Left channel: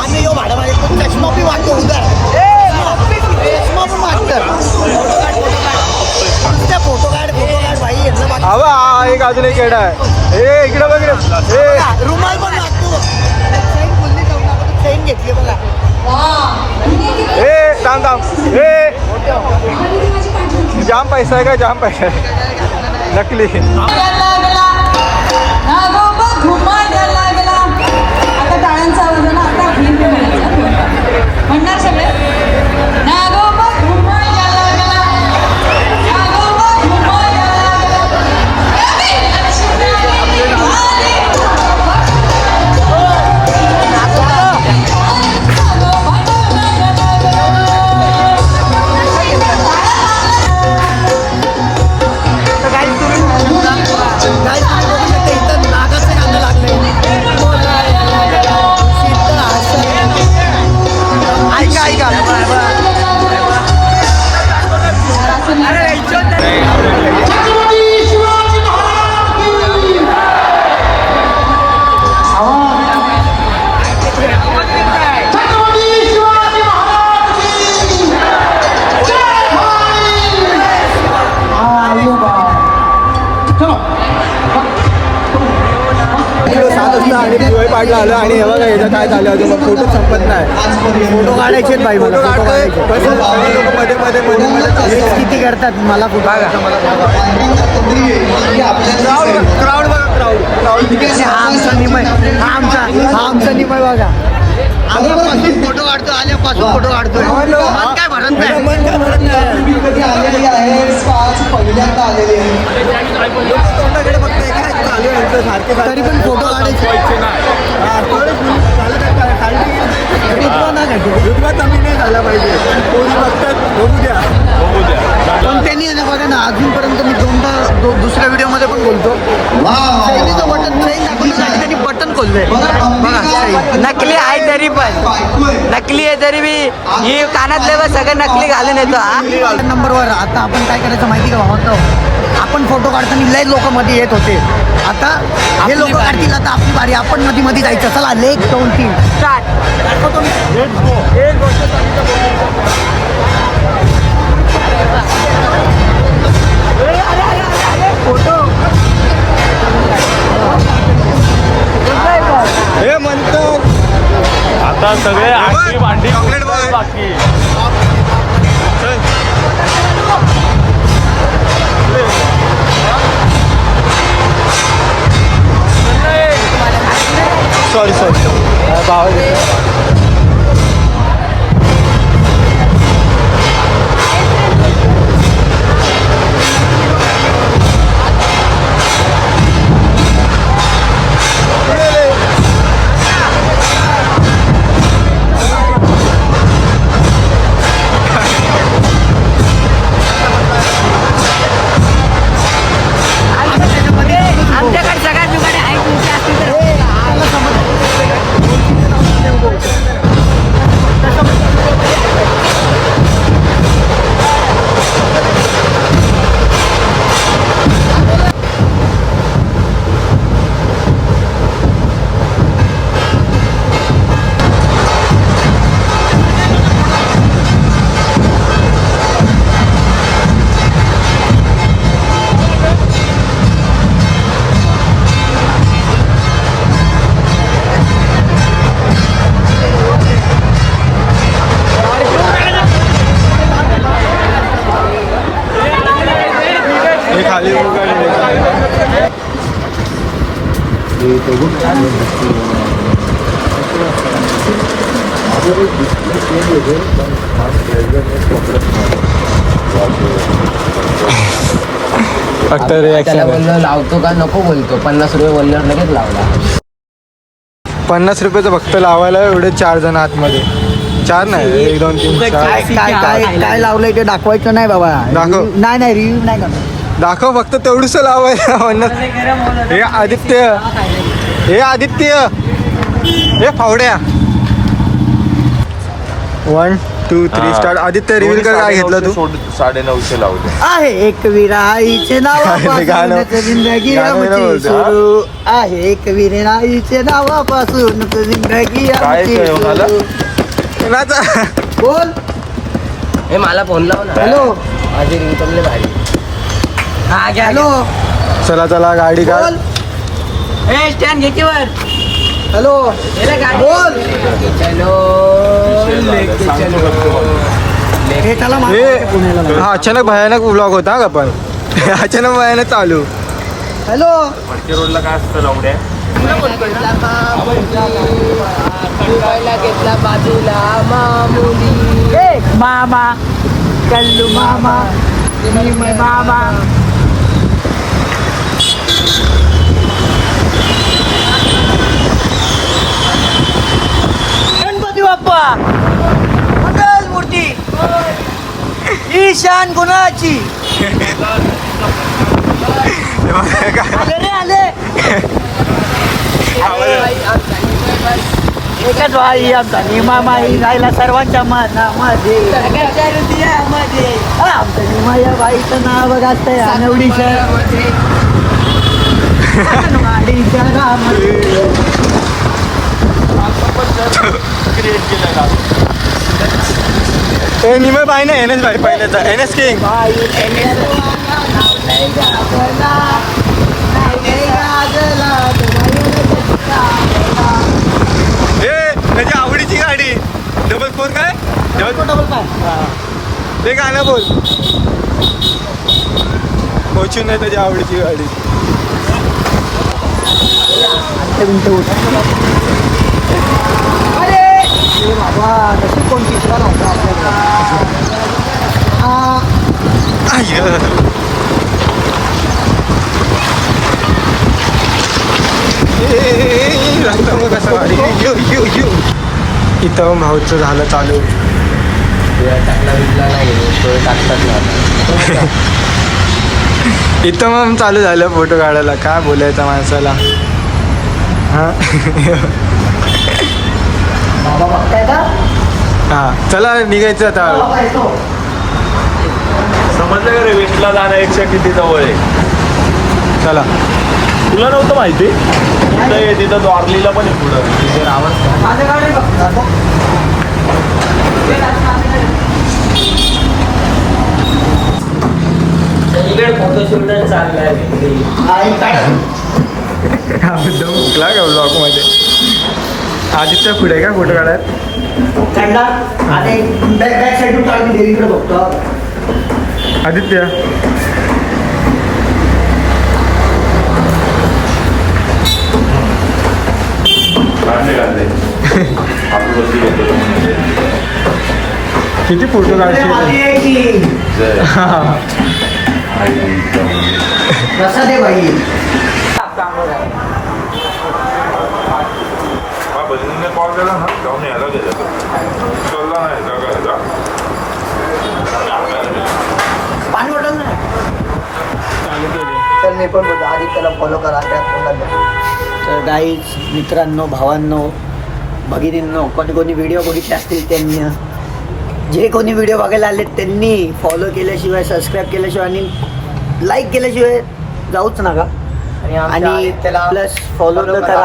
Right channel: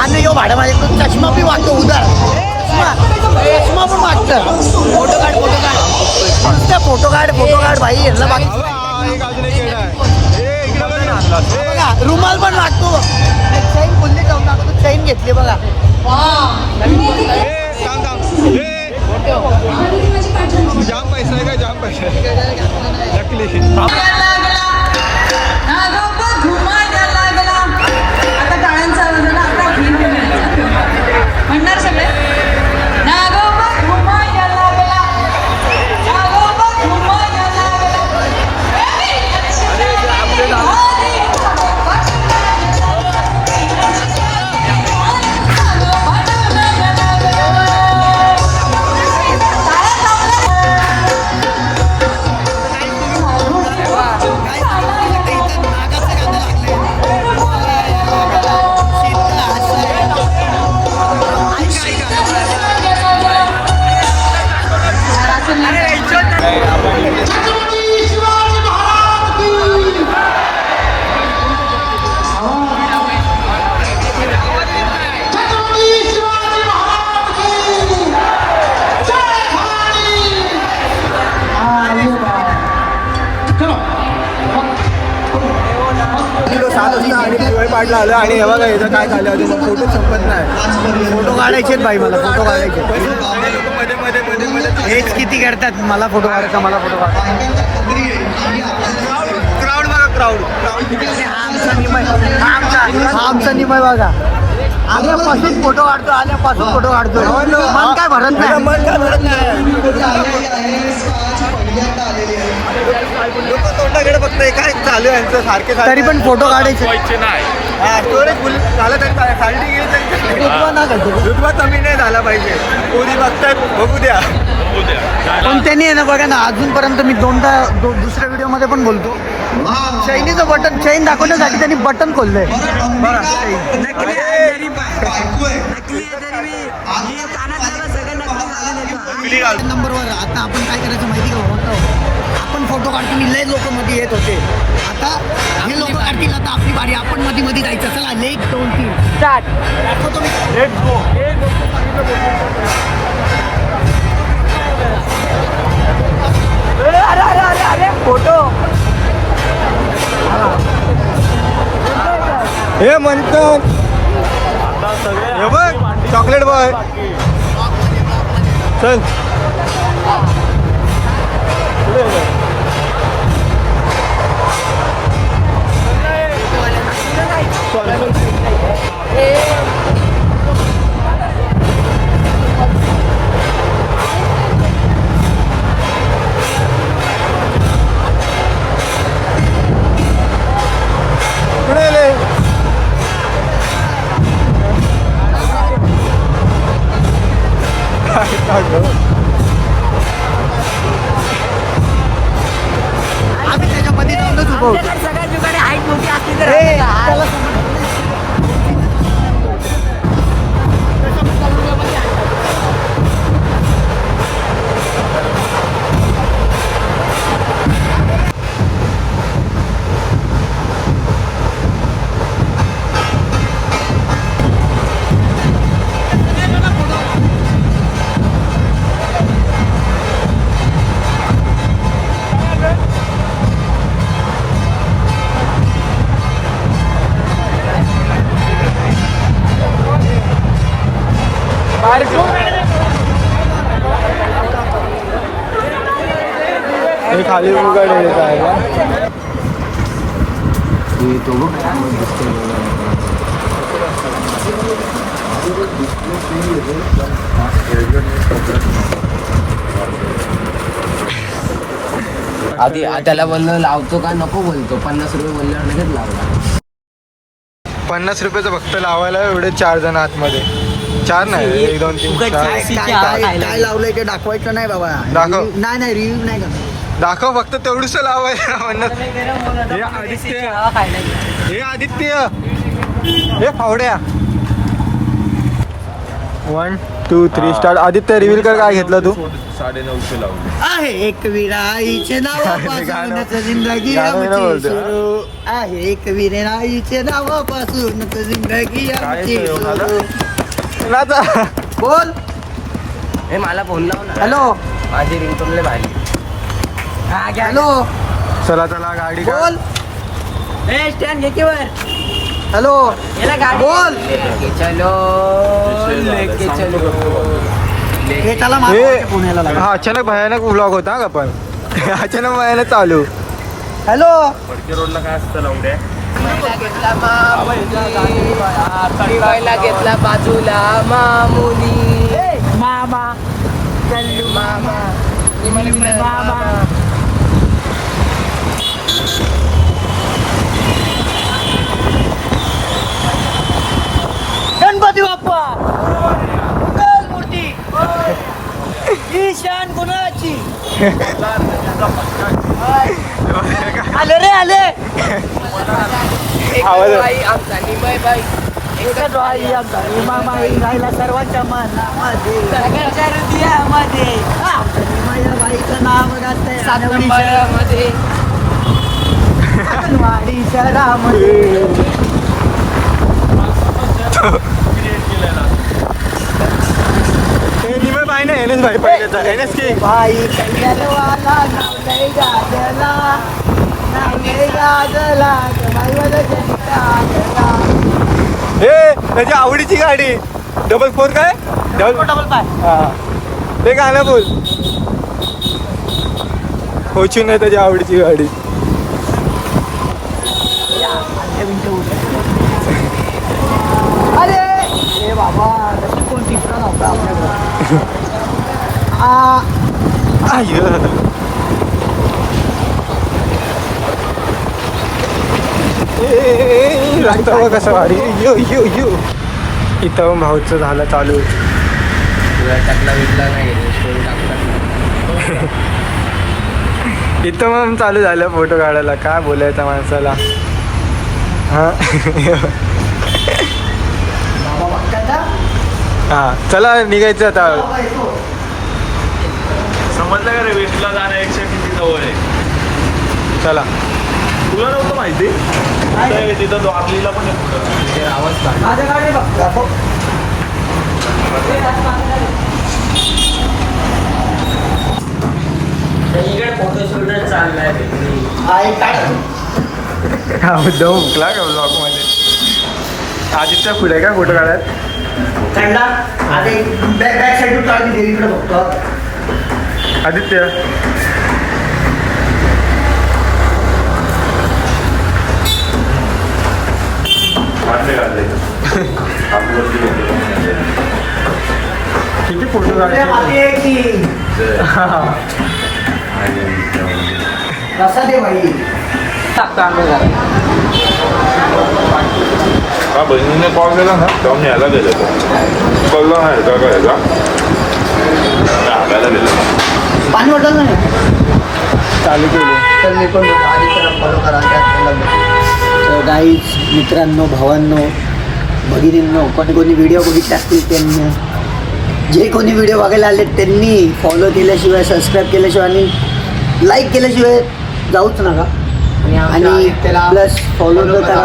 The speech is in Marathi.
आणि यो भाडं माझे चष्मा पण वाटतो उधार चष्मा पण वाटतं फोटो काढ भाई यांना बाकी एक अजून एक येडा आहे. ए इकडे बघ रे. रुमाल पण लागतो चैन बोलली जाऊन आपण चैन घेतली बघा ए थांब थांब ए जाम पैसा आहे का जाम पैसा आहे नकली आता टाळ्यांचा आवाज आहे ना आता म्हणणार सगळे आणि दिवाळी पाडला आलं आणि हे बघा याचं काय झालं अजून मग फोटो संपत नाही. फोटो काढायचे भाई मला फोटो काढायचे लोक मध्ये मध्ये मध्ये मध्ये हेच किती करतात मला फोटो मला क्राऊड बघा क्राऊड हा आमचा निमय बघा आल्यापासून फोटो काढतो आल्यापासून फोटो काढतोय मन काय भरत नाही मन काय भरत नाही तोंडाकडे बघताय काय चालू आहे यांचं सारखे तरी पण फोटो काढायचे नाही झालं तर खालती गेली रुतबा कमी नाही झाला पाहिजे कोणी बघतात बघू द्या पण त्यांनी आहे ना बघा ना अजूनपर्यंत मी दोनदा दुसऱ्या व्हिडिओमध्ये पण बोलतो चैनीचं बटन चैन दाखवण्यासाठी त्यांनी बटन खोललंय बघा चैन नकली आहे तरी पण नकली आहे तरी मी ही कानातले सगळं नकली घालून येतो नंबरवर आता आपण काय करायचं माहिती का भावतो आपण फोटो काढताना लय लोक मध्ये येत होते आता हे लोक काढतील आता आपली बारी आपण मध्ये मध्ये जायचं चला लेक 2-3 स्टार्ट दाखवतो मी फोटो हे म्हणतो आता सगळे भांडी चॉकलेट बघ सॉरी आम्ही त्याच्यामध्ये जाऊनच उभं होतो सगळ्यात जुगाडे हाईट मोठी असतील तर त्याला समज हे खाली बघा आहे ना त्याला बोललो लावतो का नको बोलतो 50 रुपये बोलल्यावर लगेच लावला 50 रुपयाचं फक्त लावायला एवढे 4 जण आतमध्ये 4 नाही 1 2 3 4 काय लावलंय ते दाखवायचं नाही बाबा दाखव. नाही रिव्ह्यू नाही करणार दाखव फक्त तेवढंच लावायला म्हणत हे आदित्य हे फावड्या 1 2 3 स्टार्ट. आदित्य रिव्हील कर काय घेतलं तू? 950 लावले. आहे एक विराईचे नावापासून गाणं- जिंदगी गाणं आमची बोलतो. सुरू आहे. एक विराईचे नावापासून जिंदगी आमची काय म्हणाला? सुरू. नाचा. बोल. हे मला फोन लाव ना. हॅलो माझी रिंगटोनले भारी. हा घ्या. हॅलो चला चला गाडी काढ. बोल. ए स्टँड घे की वर. हॅलो गेलं गाडी. बोल. लेके चलो विषय झाला. लेके सांगतो चलो. फक्त. हे त्याला हे मागे पुण्याला लागलं. हा अचानक भयानक व्लॉग होता का पण अचानक भयानक चालू. हॅलो फडके रोडला काय असतं लावड्या? घेतला बाजूला मामुली. मामा कल्लू मामा मामा. गणपती बाप्पा मंगल मूर्ती ईशान गुणाची. आले रे आले. एकच वारी आमचा निमामाई राहिला सर्वांच्या मनामध्ये. सगळ्याच्या हृदयामध्ये. आमच्या निमायाबाईचं नाव गाते अनवडीच्या मध्ये. वाडीच्या गावामध्ये. ए निमय भाई ना एन एस भाई पहिल्याचा एन एस किंग. हे त्याच्या आवडीची गाडी. डबल 4 काय? डबल 5. ते गाणं तू होची नाही त्याच्या आवडीची गाडी. अरे हे बाबा नशीब कोण तिसरा नव्हता आपल्याकडे. इथं भाऊचं झालं चालू. इथं मग चालू झालं फोटो काढायला. काय बोलायचं माणसाला. हा बाबा बघताय का? हा चला निघायचं आता. बाबा येतो. समजलं का रे लिस्टला जाण्यापेक्षा किती जवळ आहे? चला तुला नव्हतं माहिती? ते तिथं द्वारलीला पण आहे पुढं. माझं गाडी बघ. फोटोशूट चाललाय. हा मुद्दाम हुकला का ब्लॉग मध्ये. आदित्य पुढे का फोटो काढायत? थंडा आता एक बॅक साईड काढून देवीकडे बघतो. आदित्य काढले आपली वरती घेतो. किती फोटो काढते. कसा दे भाई. हा बहिणीने कॉल केला ना तेव्हा मी यायला गेलो होतो. कळला नाही का काय आगायला गेलो. पाणी वाटत नाही चालू केली. तर मी पण आधी त्याला फॉलो करा. तर गाईज मित्रांनो भावांनो भगिनींनो कोणी कोणी व्हिडिओ बघितले असतील त्यांनी जे कोणी व्हिडिओ बघायला आले त्यांनी फॉलो केल्याशिवाय सबस्क्राईब केल्याशिवाय आणि लाईक केल्याशिवाय जाऊच नका. आणि प्लस फॉलो तर करा.